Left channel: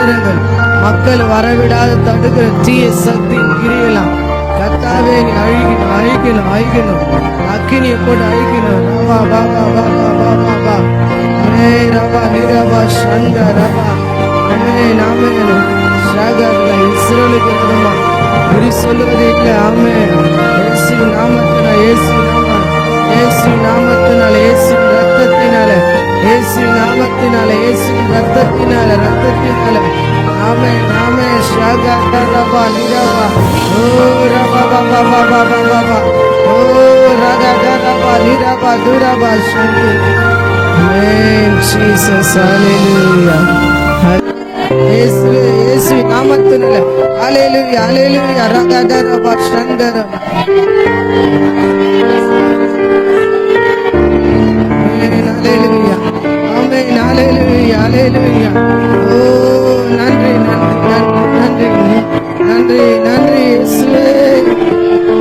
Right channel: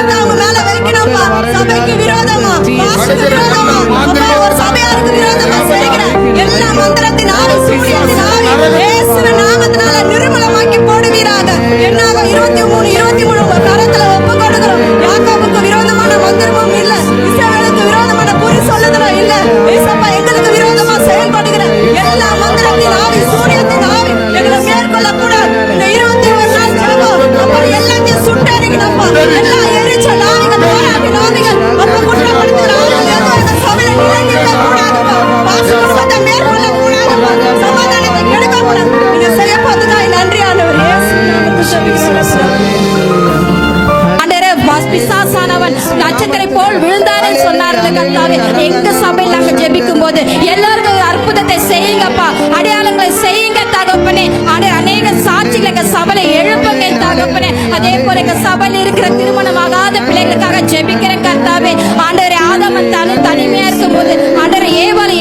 தந்திரங்கள் மக்கள் வரவிடாத தடுக்கிற தீய சக்திகளை அக்கினி கூட Jesus, hallelujah. அற்புதத்தை செய்யுங்கப்பா, அடையாளங்களை செய்யுங்க தகப்பனே. அநேக சாட்சிகளுக்கு சபையில எழுப்புங்க தகப்பனே. அதே போல சபையில இருக்கிற திருமணமாகாத பிள்ளைகளுக்காக ஜெபிக்கிற கர்த்தாவே. ஆண்டவரே, ஆதாம் தனிமையா இருக்கும்போது ஆண்டவரே ஏவாளை